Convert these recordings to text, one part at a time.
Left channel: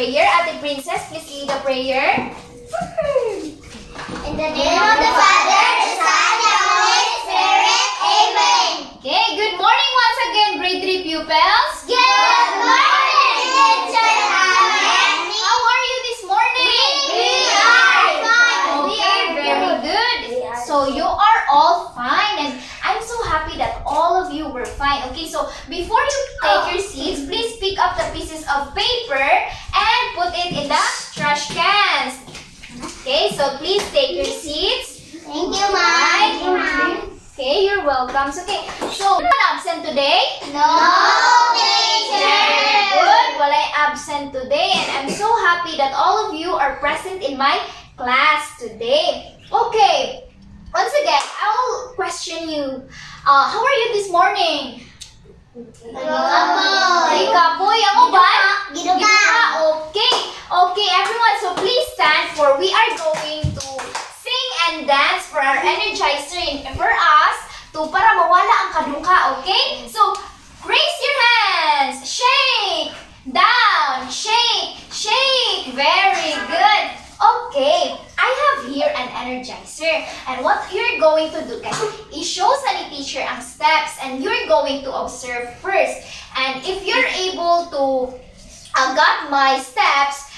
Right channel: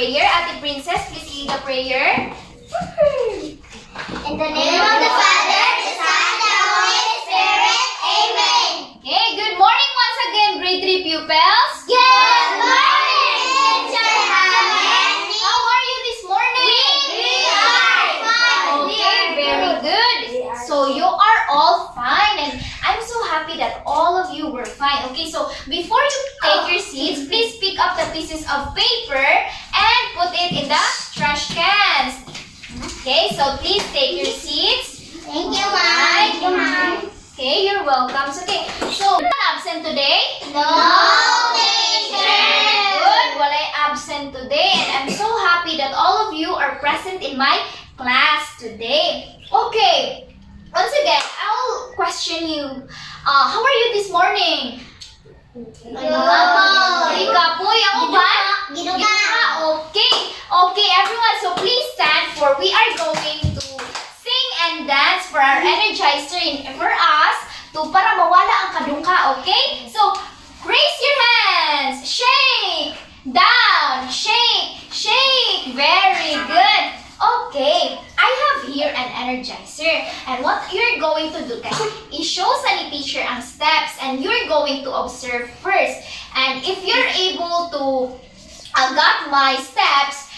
prayer. Ate Princess, please lead the prayer. In the name of the Father, the Son, and the Holy Spirit. Amen. Okay, good morning once again, grade 3 pupils. Good morning, Teacher Alex. How are you this morning? We are fine. Okay, very good. So you are all fine, and I'm so happy that all of you were fine. Okay, so before you take your seats, please pick up the pieces of paper and put it in the trash cans. Okay, so please take your seats. Thank you, Mom. Thank you, Mom. Okay, you're welcome. Okay, so you're not absent today? No, Teacher. Good. Well, I absent today, and I'm so happy that all of you are present in my class today. Okay. Once again, I'll question you. How are you this morning? Kapoy. Ako ba? Giduga. Okay. Okay, everyone. So please stand for we are going to sing and dance for our energizer and for us para mawala ang kadungka. Okay? So raise your hands. Shake. Down. Shake. Shake. Very good. Okay, I have here an energizer, and what you're going to do guys is show sa ni teacher ang steps, and you're going to observe first. And if you're able to got my steps,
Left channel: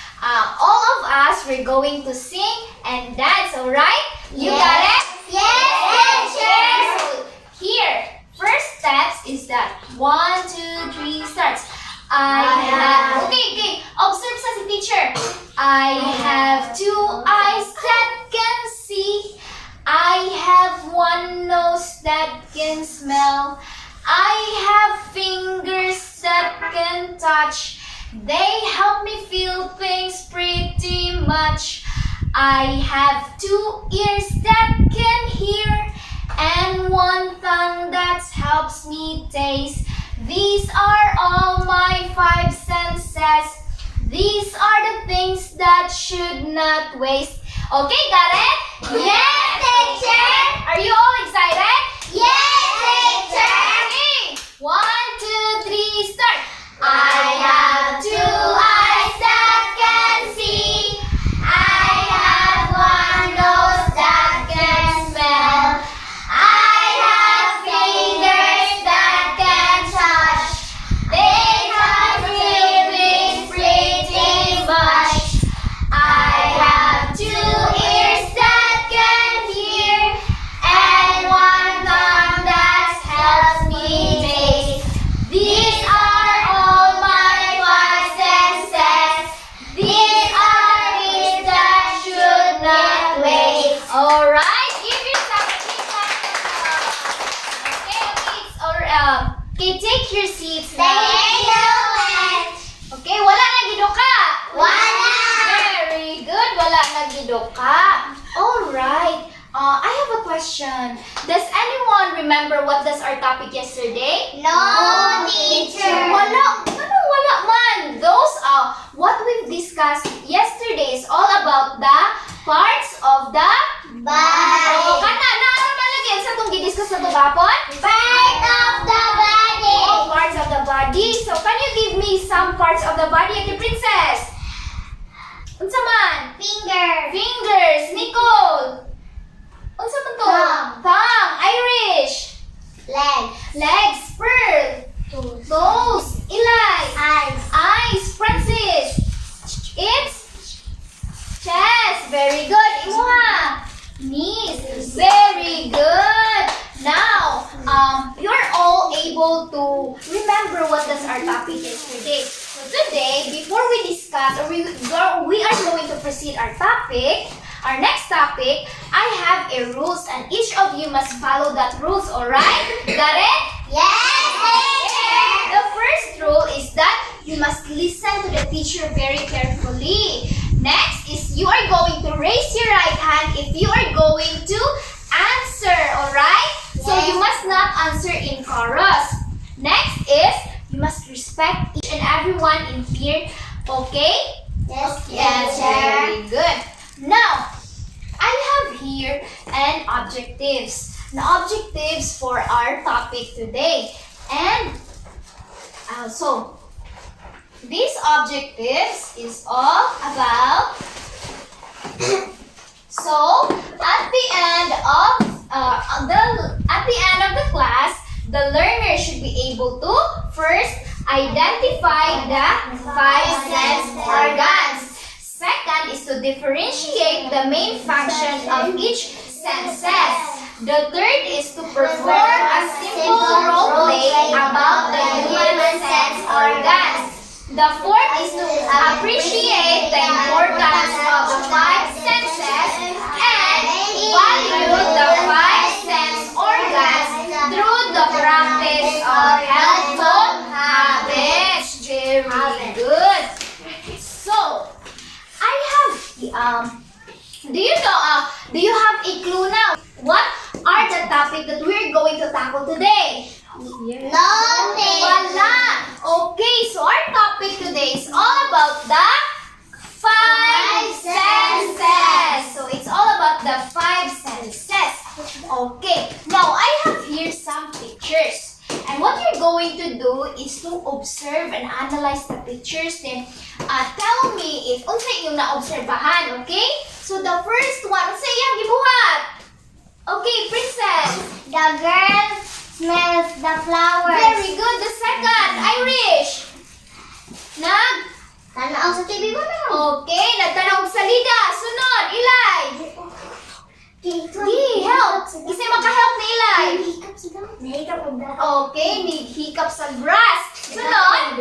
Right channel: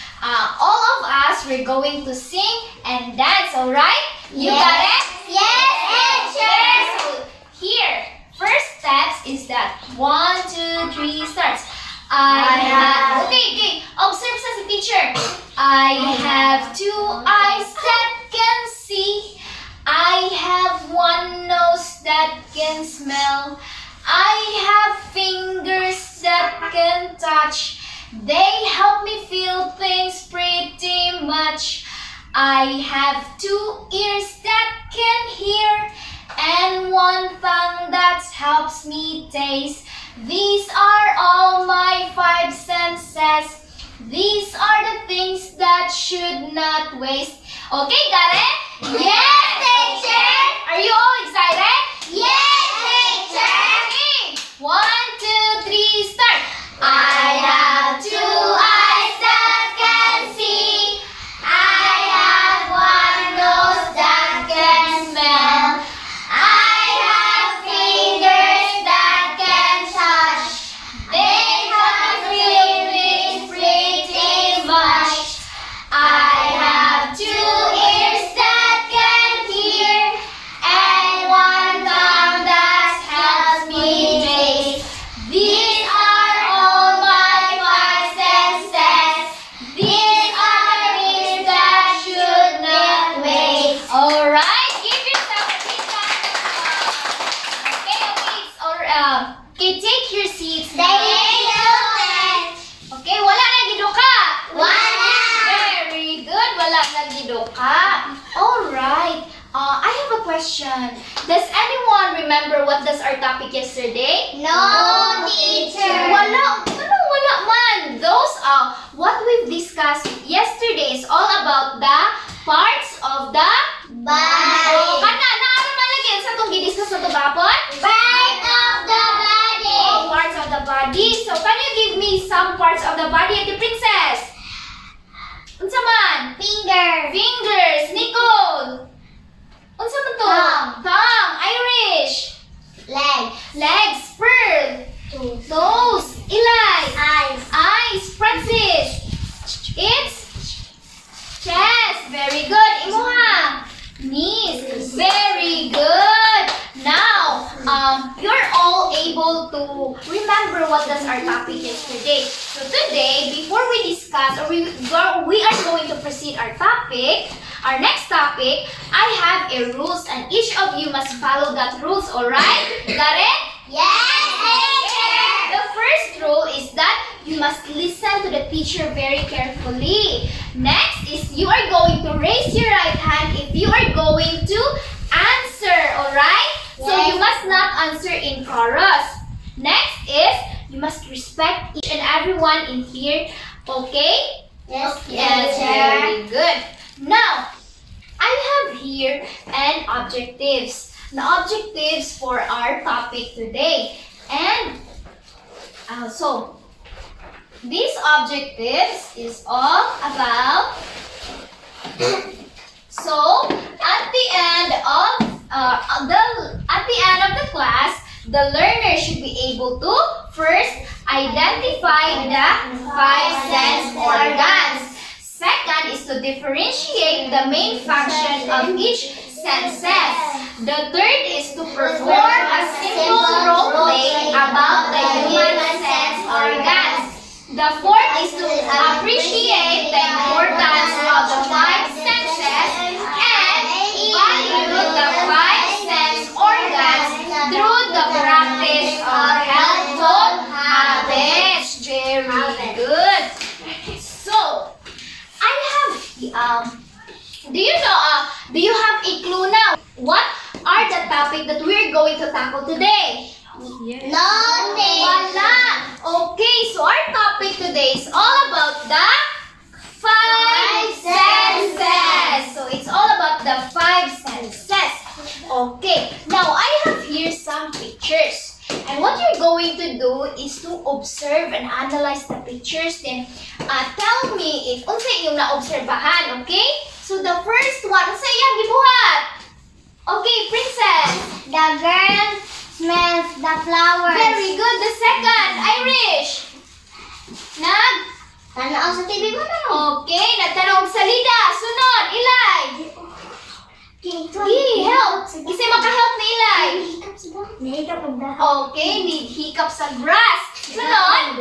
all of us we're going to sing and dance. Alright? You got it? Yes, teacher. So here, first steps is that 1, 2, 3 starts. Okay, observe sa si teacher. I have 2 eyes that can see. I have 1 nose that can smell. I have fingers that can touch. They help me feel things pretty much. I have 2 ears that can hear and 1 tongue that helps me taste. These are all my 5 senses. These are the things that should not waste. Okay, got it? Yes, teacher. Are you all excited? Yes, teacher. Okay. 1, 2, 3, start. I have 2 eyes that can see. I have 1 nose that can smell. I have fingers that can touch. They can feel things pretty much. I have 2 ears that can hear and 1 tongue that helps me taste. These are all my 5 senses. These are things that should not waste. Alright, give yourself a big round of applause. Okay, it's okay, take your seats now. Thank you, Len. Okay, wala na giduka. Wala. Very good, wala na giduka. Alright, I have a question. Does anyone remember what does our topic yesterday? No, teacher. Wala, anong wala man? Those what we've discussed yesterday is all about the parts of the Body. kana malagyan sa itong gidiscuss na ito gapon? Part of the body. Parts of the body. So, can you give me some parts of the body, Ate Princess? Unsa man? Finger. Fingers. Nicole. Unsa man to? Tongue. Irish. Leg. Legs. Pearl. Toes. Eli. Eyes. Eyes. Francis. It's chest. Very good. Imuha. Knees. Very good. Now, you're all able to remember what does our topic yesterday. So today, before we discuss or we are going to proceed our topic, our next topic, I have a rules and each of you must follow that rules, alright? Got it? Yes, teacher. The first rule is that you must listen to the teacher very carefully. Next is you are going to raise your right hand if you are going to answer, alright? So you must not answer in chorus. Next is you must respect each and everyone in here, okay? Yes, Yes, very good. Now, I have here an objectives. Now, objectives for our topic today. And so these objectives is all about. So at the end of the class, the learner should be able to first identify the five sense organs. Second is to differentiate the main function of each senses. The third is to perform a simple role play about the human sense organs. The fourth is to appreciate the importance of the five senses and value the five sense organs through the practice of helpful habits. Very good. So, I have do you have a clue now? What are the topic that we're going to tackle today? Nothing. Wala. Okay, so our topic today is all about the five senses. So it's all about the five senses. Okay, now I have here some pictures. And what you're going to do is to observe and analyze the pictures. Then tell me if unsa yung naobserbahan, okay? So the first one, unsa iyang gibuhat? Okay, Princess. The girl smells the flowers. Very good. The second, Irish. Tanaw sa TV mo na. Okay, nagtanong sa salida. Sunod, Ilay. Gi, help. Kasi maka-help ni Ilay. Okay, need hiccup sa grass. Sunod,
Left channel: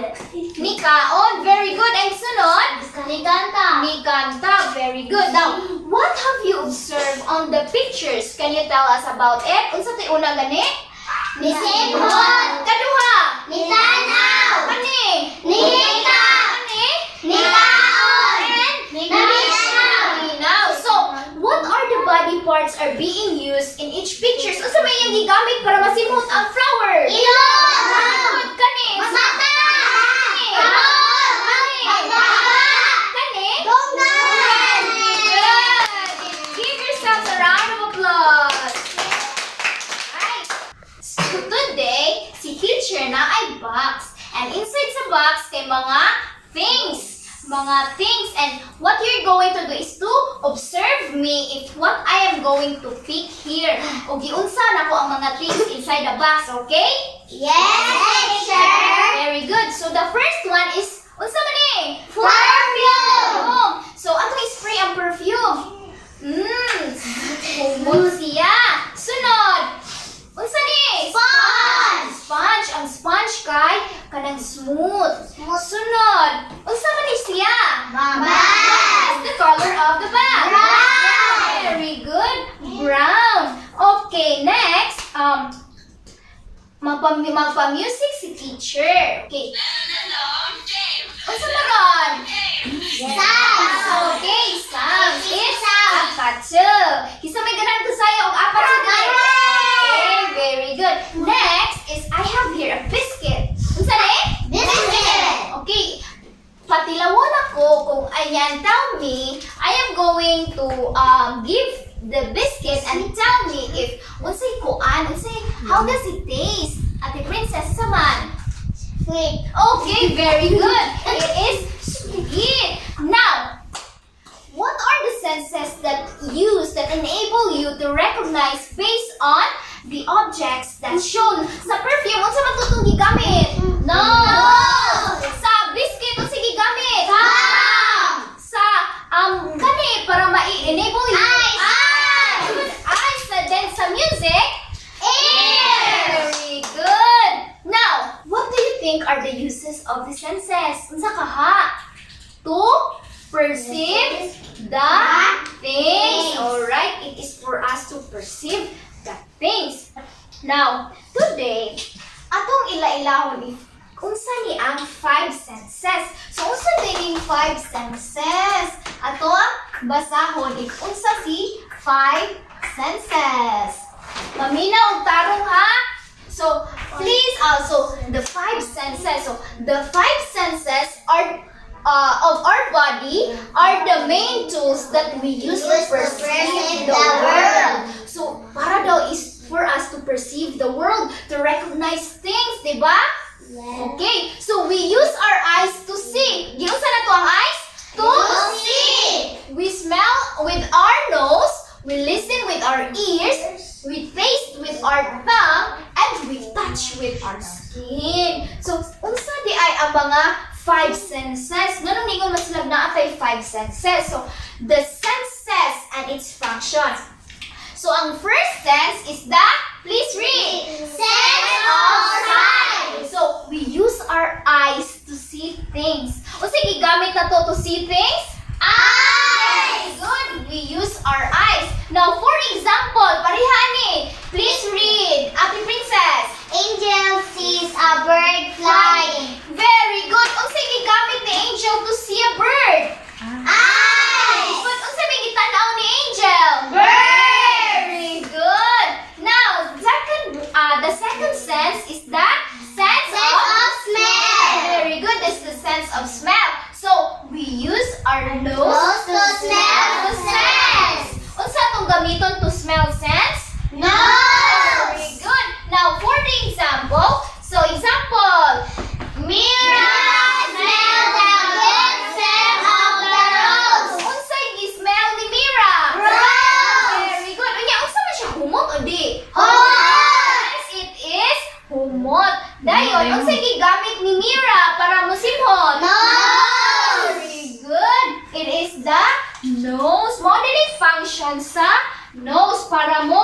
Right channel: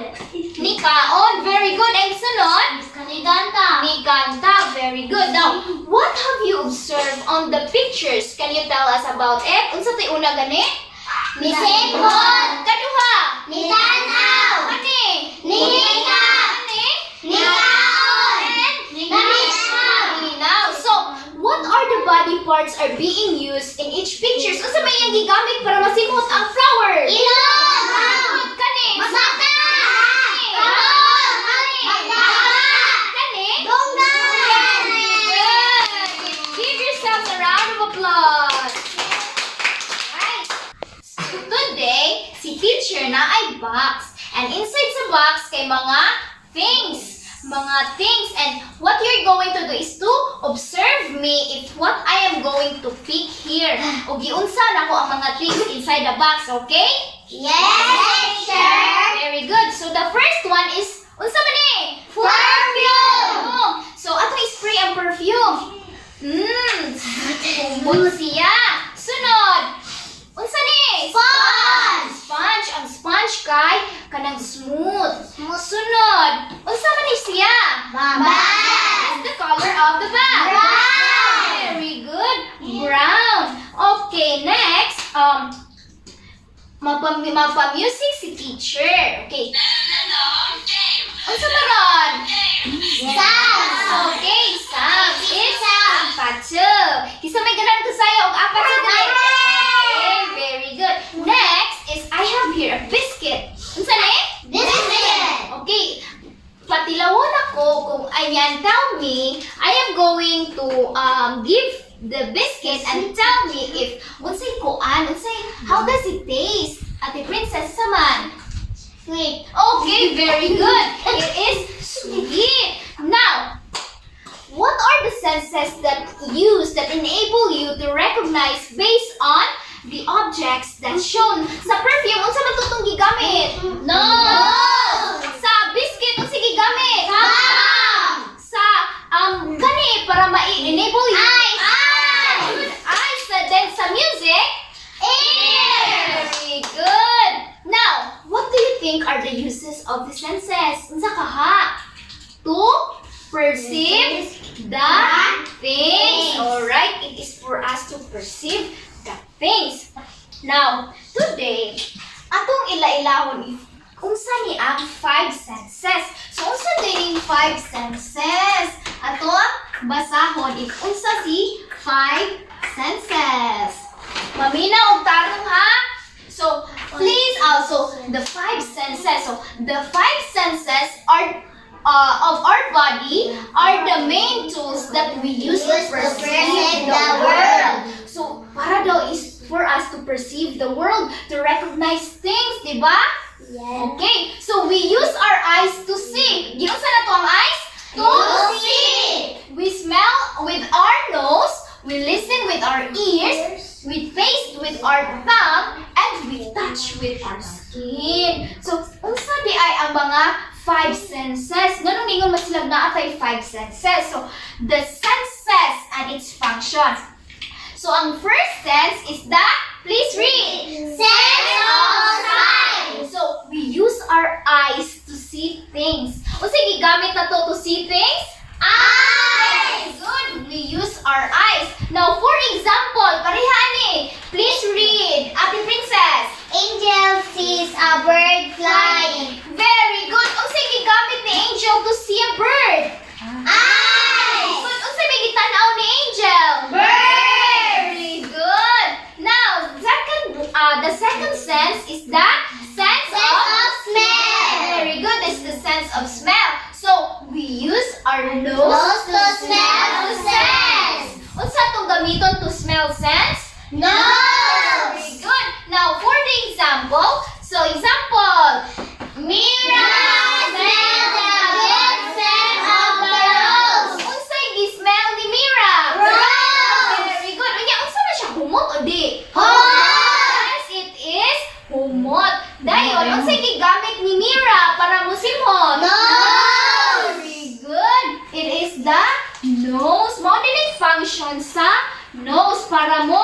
Nikaon. Very good. And sunod, Nikanta. Very good. Now, what have you observed on the pictures? Can you tell us about it? Unsa ti una gani? Nisipon. Kaduha. Nitanaw. Kani? Nihika. Kani? Nikaon. Ninaw. So, what are the body parts are being used in each picture? So, sa may yang gigamit para masimhot ang flower? Ilong. Kani? Masata. Kani? Kahon. Kani? Magbaha. Kani? Dunggan. Good. Give yourselves a round of applause. Right. So, today, si teacher na ay box. And inside sa box kay mga things. And what you're going to do is to observe me if what I am going to pick here. O giunsa na ko ang mga things inside the box, okay? Yes, teacher. Very good. So the first one is unsa man ni? Perfume. So ato i-spray ang perfume. Humot siya. Sunod. Unsa ni? Sponge. Ang sponge kay kanang smooth. Sunod. Unsa man ni siya? What's the color of the bag? Brown. Very good. Brown. Okay, next. Magpa-music si teacher. Okay. Unsa karon? Okay, sounds. It's apatsu. Kisa may ganang kasaya og apatsu dai. Okay, very good. Next is I have here a biscuit. Unsa ni? Biscuit. Okay. Patilawon ako kung ayan, tell me, I am going to give the biscuit and tell me if unsay kuan, how does it taste? Ate Princess, saman. Sweet. Okay, very good. It is sweet. Now, what are the senses that enable you to recognize based on the objects that shown sa perfume? Unsa man tutong gigamit? No. Sa biscuit unsa gigamit? Palm. Sa kani para ma-enable you. Eyes. Eyes. Then sa music? Ears. Very good. Now, what do you think are the uses of the senses? Unsa kaha? To perceive the things. Alright, it is for us to perceive the things. Now, today, atong ila-ilahon if unsa ni ang five senses. So, unsa din yung five senses? Atong basahon if unsa si five senses. Maminaw og tarong ha? So, please also, the five senses. So, the five senses are of our body are the main tools that we use to perceive the world. So, para daw is for us to perceive the world, to recognize things, di ba? Okay, so we use our eyes to see. Giunsa na to ang eyes? To see. We smell with our nose, we listen with our ears, we taste with our tongue, and we touch with our skin. So, unsa di ay ang mga five senses? Ganun ningon mas sila na atay five senses. So, the senses and its functions. So, ang first sense is the, please read. Sense of sight. So, we use our eyes to see things. O sige, gamit na to see things? Eyes. Good. We use our eyes. Now, for example, parihani, please read. Ate Princess. Angel sees a bird flying. Very good. Unsay gigamit ni Angel to see a bird? Eyes. Good. Unsay may gitanaw ni Angel? Very good. Now, the second sense is the sense of smell. Very good. It's the sense of smell. So, we use our nose Nose to smell the sense. Unsa tong gamiton to smell sense? Nose. Very good. Now, for the example, Mira smell the good scent of the rose. Unsay gi-smell ni Mira? Rose. Very good. Unya, unsa man siya humot o di? Humot. Yes, it is humot. Dayon, unsay gigamit ni Mira para musimhot? Nose. Very good. It is the nose. Mo dili function sa nose para mo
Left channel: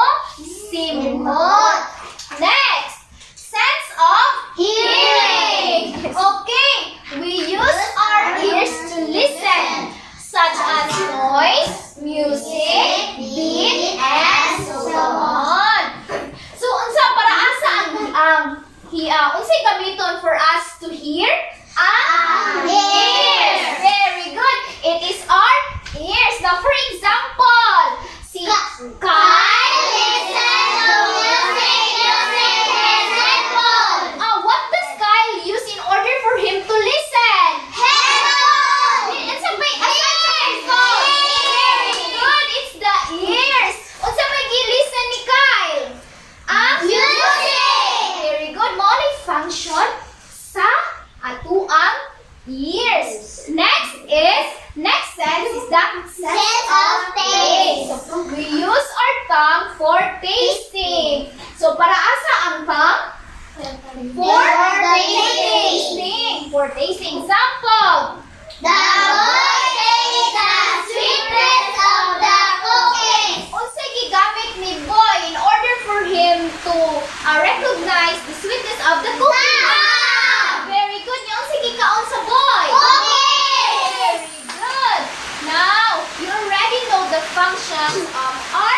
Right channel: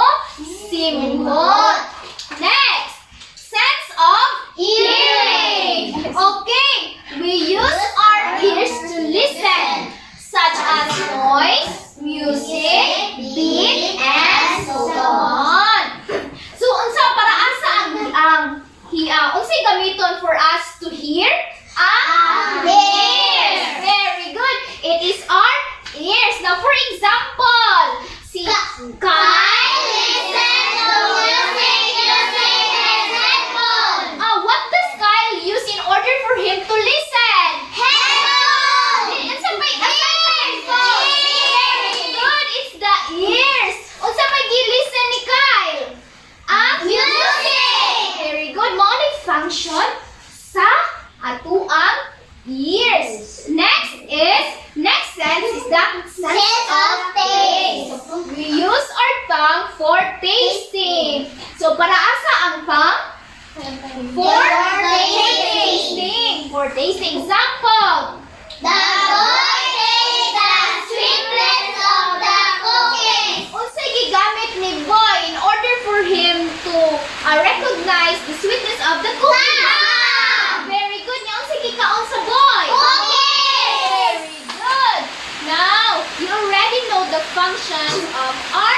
simhot. Next, sense of hearing. Okay, we use our ears to listen, such as noise, music, beat, and so on. So, unsa para asa unsay gamiton for us to hear? Ang ears. Very good. It is our ears. Now, for example, si Kyle Listen to music using his headphones. What does Kyle use in order for him to listen? Headphones. Unsa may Very good. It's the ears. Unsa may gi-listen ni Kyle? Ang Music. Very good. Mao ni function sa atuang ears. Next sense is the Sense of taste. So, we use our tongue for tasting. So, para asa ang tongue? For tasting. For tasting. Example. The boy tastes the sweetness of the cookies. Unsay gigamit ni boy in order for him to recognize the sweetness of the cookie? Tongue. Very good. Nya unsay gikaon sa boy? Cookies. Very good. Now, you already know the functions of our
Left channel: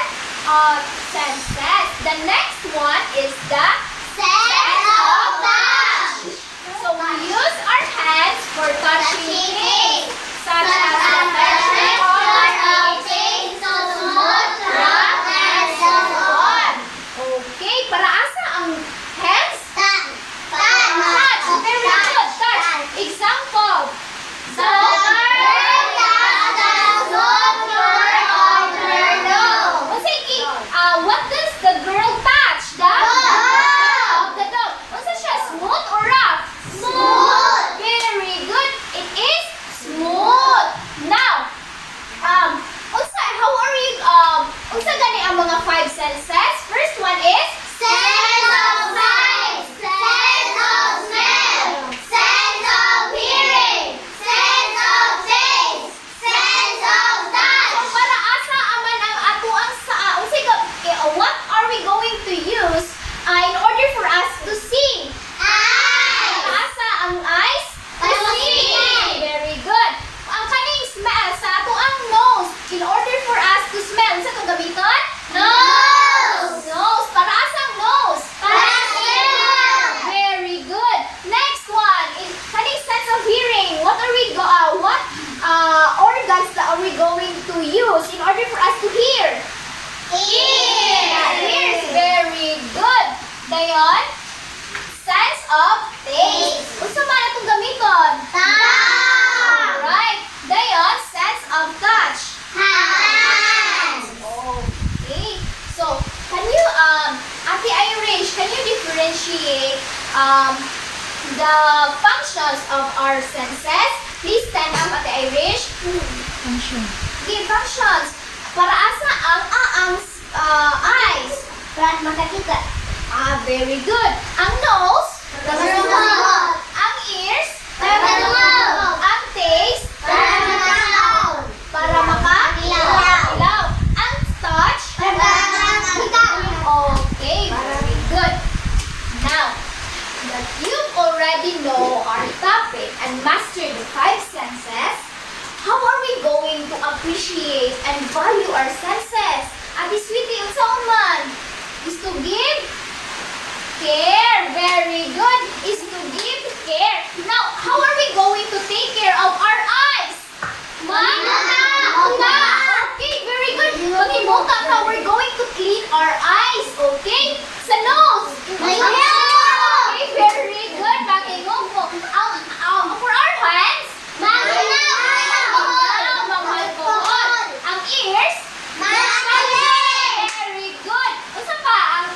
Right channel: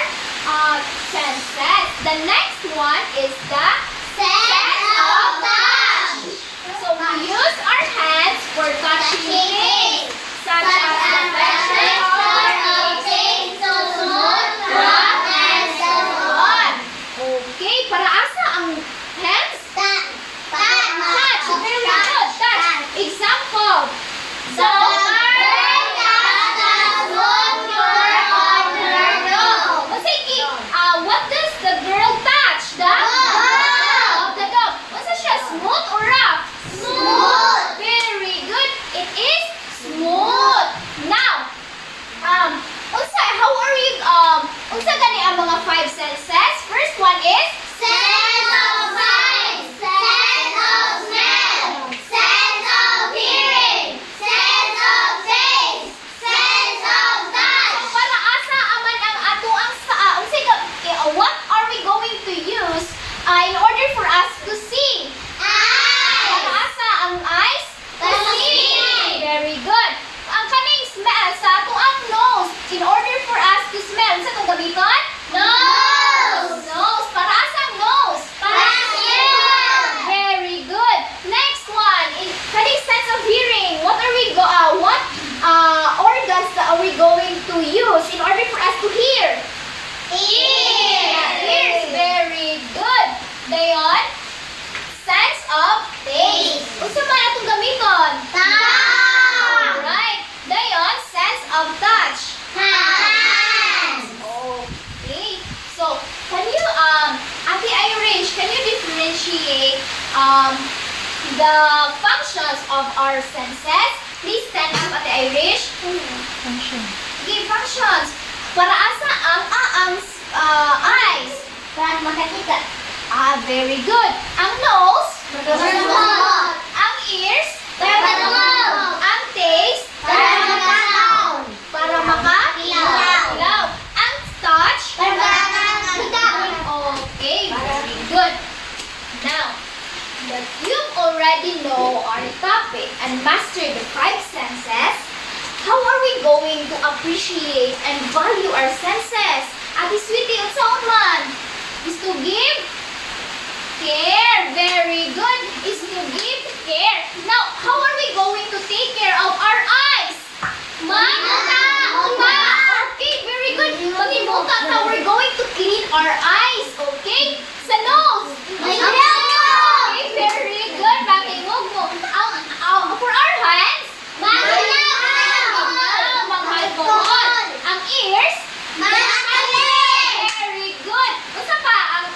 senses. The next one is the Sense of touch. So we use our hands for touching things, such Such as as the the texture of things. things so smooth, rough, and so on. Okay, para asa ang hands? Touch. Touch. Very good. Touch. Example. The girl touched the smooth fur on her nose. What does the girl touch? The Dog. The dog. What's siya? Smooth or rough? Smooth. Very good. It is smooth. Now, how are you, unsa gani ang mga five senses? First one is Sense of sight. Sense of smell. Sense of hearing. Sense of taste. Sense of touch. So, para asa aman ang ato ang what are we going to use in order for us to see? Para Eyes. asa ang eyes? To To see. see. Very good. Ang kaning smell sa ato ang nose, in order for us to smell, sa itong gamiton? Nose. Nose. Para asa ang nose? Para smell. Very good. Next one, in kaning sense of hearing, what organs are we going to use in order for us to hear? Ears. Very good. Dayon, sense of taste. Unsa man atong gamiton? Tongue. Alright. Dayon, sense of touch. Hands. Okay. So, can you, Ate Irish, can you differentiate the functions of our senses. Please stand up, Ate Irish. Give functions. Para asa ang eyes. Para makakita. Very good. Ang nose. Para masunod. Ang ears. Para masunod. Ang taste. Para makakaw. Para makakalaw. Ang touch. Para makakita. Okay, very good. Now, that you already know our topic and master the five senses, how are we going to appreciate and value our senses? Ate Sweetie, unsaon man? Is to give care. Very good. Is to give care. Now, how are we going to take care of our eyes? Muta. Okay, very good. Mangimuta ka, we're going to clean our eyes. Okay? Sa nose. Okay, very good. Pakingog mo. For our hands, alcohol. Ang ears, very good. Unsa pa ang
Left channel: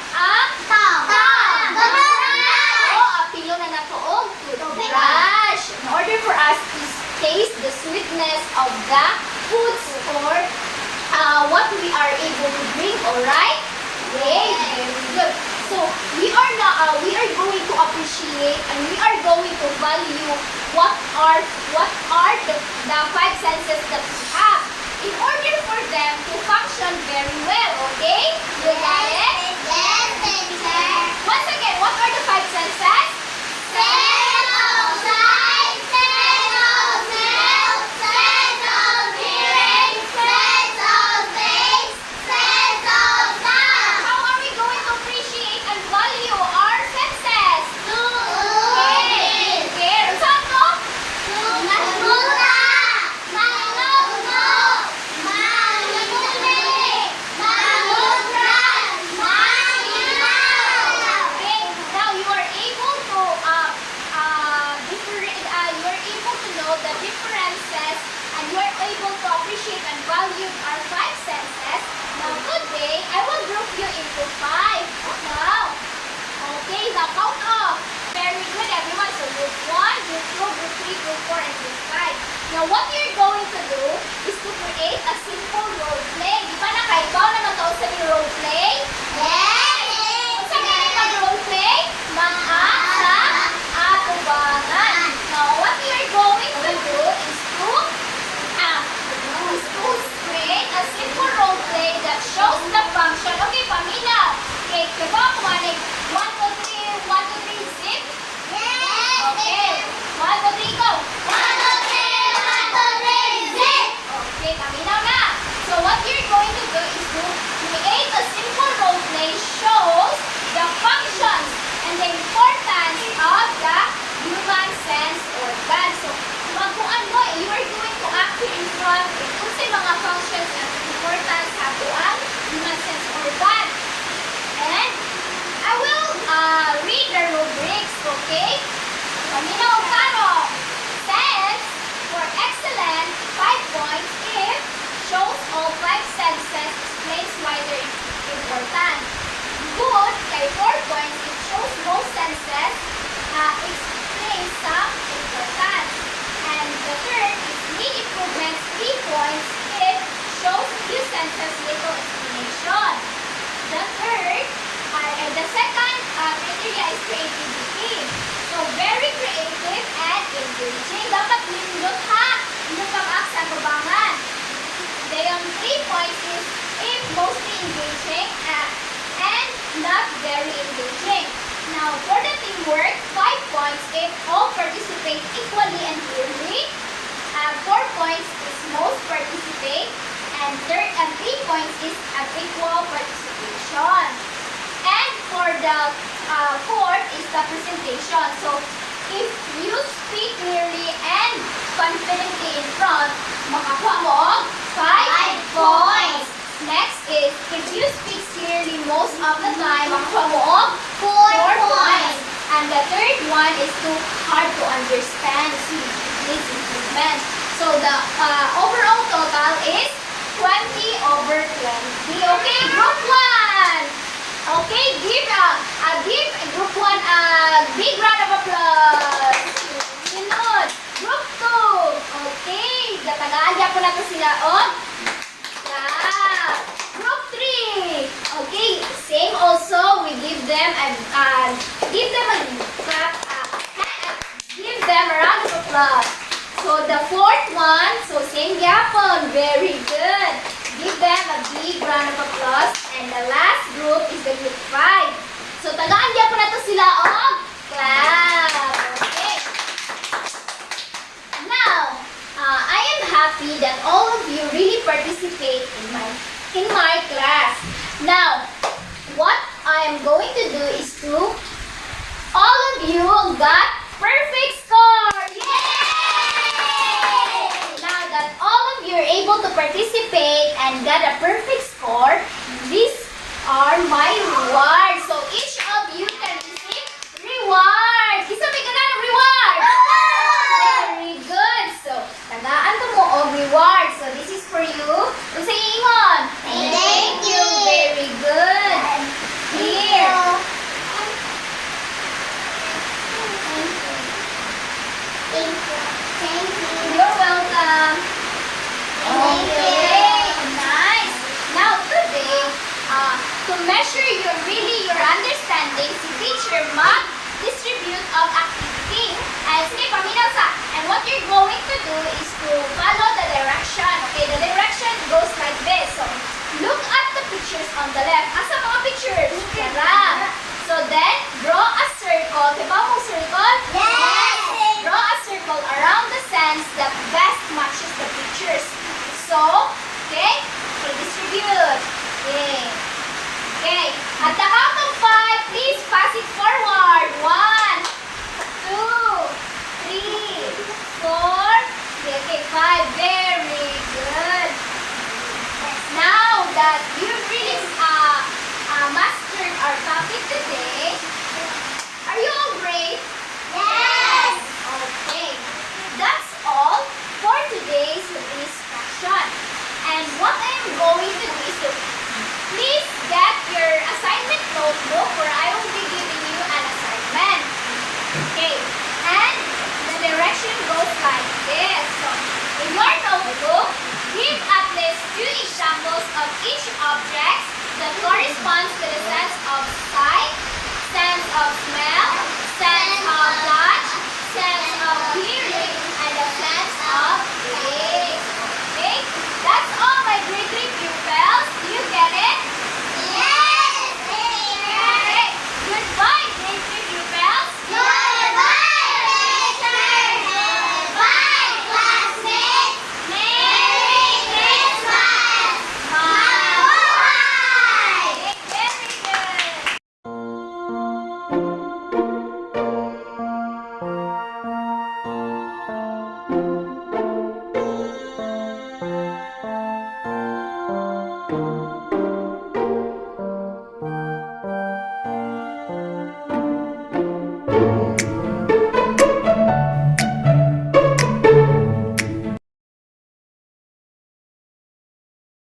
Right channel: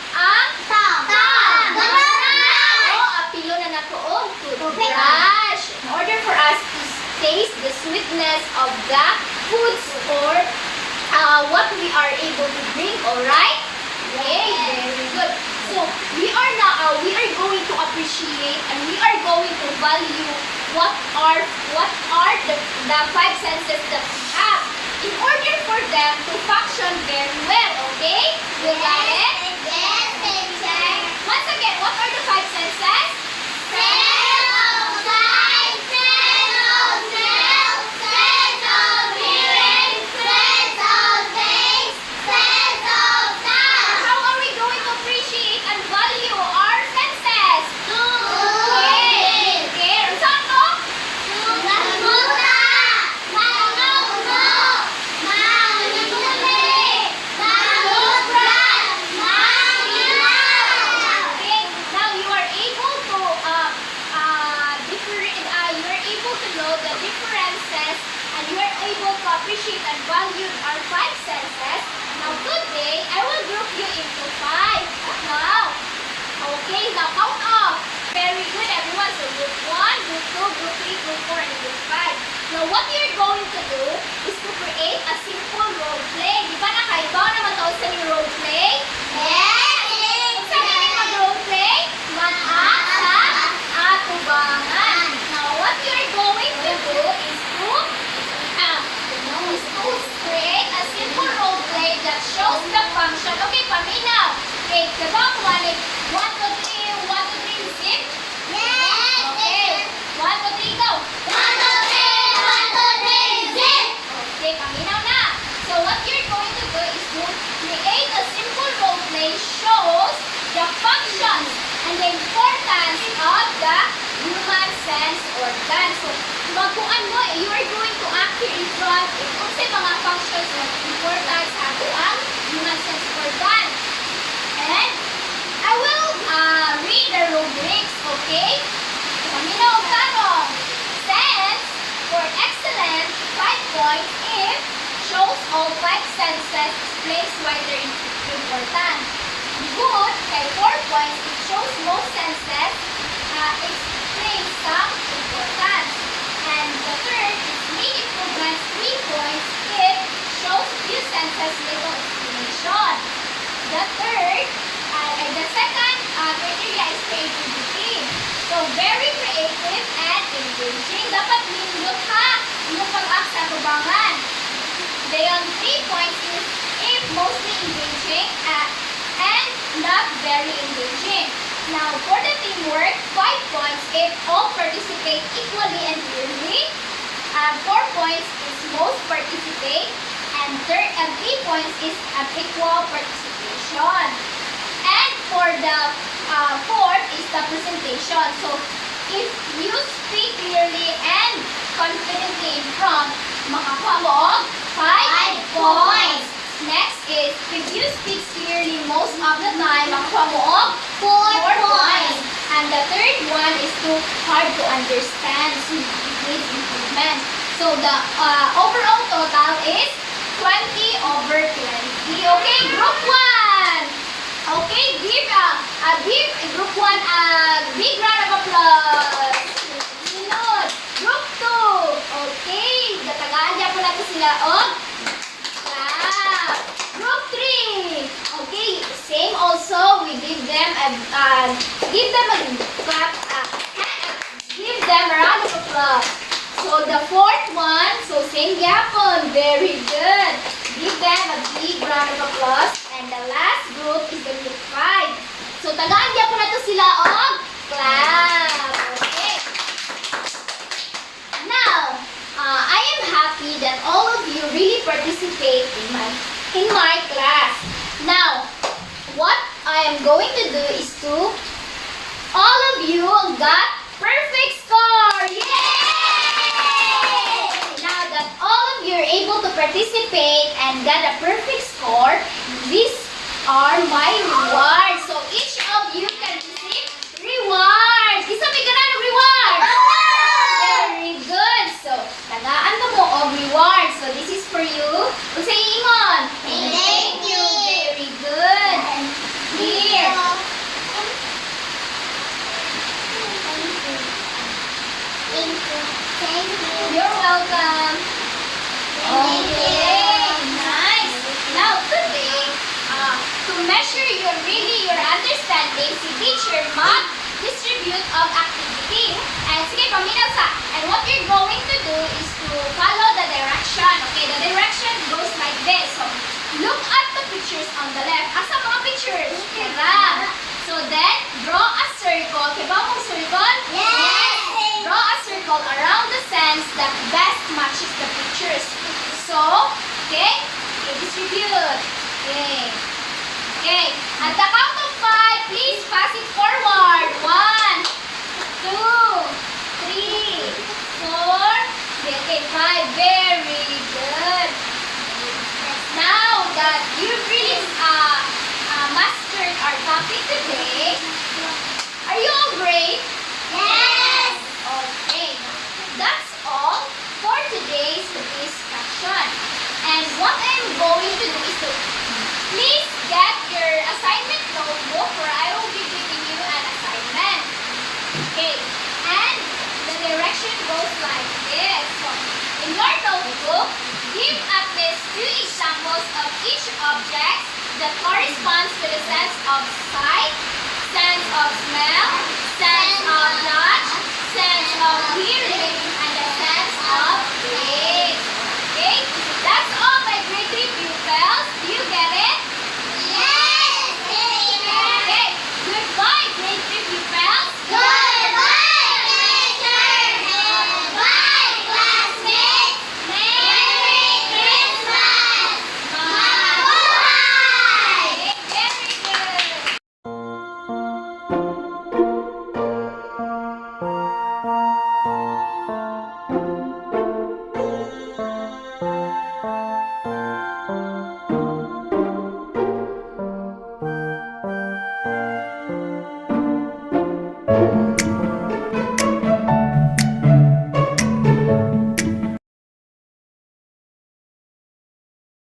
apilo na nakuog toothbrush. In order for us to taste the sweetness of the foods or what we are able to drink, alright? Okay, very good. So we are going to appreciate and we are going to value what are the five senses that we have in order for them to function very well. Okay? You got it? Once again, what are the five senses? How are we going to appreciate and value our senses? Care. Saan to? Okay. Now you are able to you are able to know the differences and you are able to appreciate and value our five senses. Now today I will group you into five. Now, okay, the count off. Very good, everyone. So group 1, group 2, group 3, group 4, and group 5. Now what you're going to do is to create a simple role play. Di ba nakaibaw naman to sa yung role play? Sa mga mag-role play? Sa atubangan. Now what you're going to do is to create a simple role play that shows the function. Okay, paminaw. Okay, diba ko 1, 2, 3, 1, 2, 3, zip. Okay, 1, 2, 3, go. Okay, paminaw na. So what you're going to do is to create a simple role play shows the functions and the importance of the human sense organ. So, magkuan mo, you are going to act here in front kung sa mga functions and importance sa ang human sense organ. And I will read the rubrics, okay? Paminaw ang tarong. Sense, for excellent, 5 points if shows all 5 senses, explains why they're important. Good, kay 4 points, it shows most senses, explains some importance. And the third is need improvements, 3 points if shows few senses, little explanation. The second criteria is creativity. So, very creative and engaging. Dapat nindot ha! Nindot pang-act sa tubangan. Then, 3 points is if mostly engaging and not very engaging. Now, for the teamwork, 5 points if all participate equally and clearly. 4 points is most participate. And 3 points is an equal participation. And for the fourth is the presentation. So, if you speak clearly and confidently in front, makakuha mo 5 points. Next is, if you speak clearly most of the time, makakuha mo 4 points. And the third one is too hard to understand. So, needs improvement. So, the overall total is 20/20. Okay, group 1. Okay, give group 1 a big round of applause. Galing yapon. Very good. Give them a big round of applause. And the last group is the group 5. So, tagaan yapon na to sila og clap. Okay. Now, I am happy that all of you really participate in my class. Now, what I am going to do is to all of you got perfect score. Yay! Now that all of you are able to participate and got a perfect score, these are my rewards. So each of you can receive rewards. Isa may ganan ng reward. Very good. So, tagaan to mo og reward. So, this is for you. Kung sa ingon. Thank you. Very good. Here. Thank you. You're welcome. Thank you. Okay. Nice. Now, today, to measure your understanding, si teacher mag-distribute of activity. And sige, paminaw sa. And what you're going to do is to follow the direction. Okay, the direction goes like this. So, look at the pictures on the left. Asa mga pictures? Kara. So then, draw a circle. Kiba mong circle? Yes. Draw a circle around the sands that best matches the pictures. So, okay? Okay, distribute. Okay. Okay. At the count of 5, please pass it forward. 1, 2, 3, 4. Okay, 5. Very good. Now that you've really mastered our topic today, are you all great? Yes. Okay. That's all for today's discussion. And what I'm going to do is to please get your assignment notebook, or I will be giving you an assignment. Okay. And the direction goes like this. So, in your notebook, give at least 2 examples of each object that corresponds to the sense of sight, sense of smell, sense of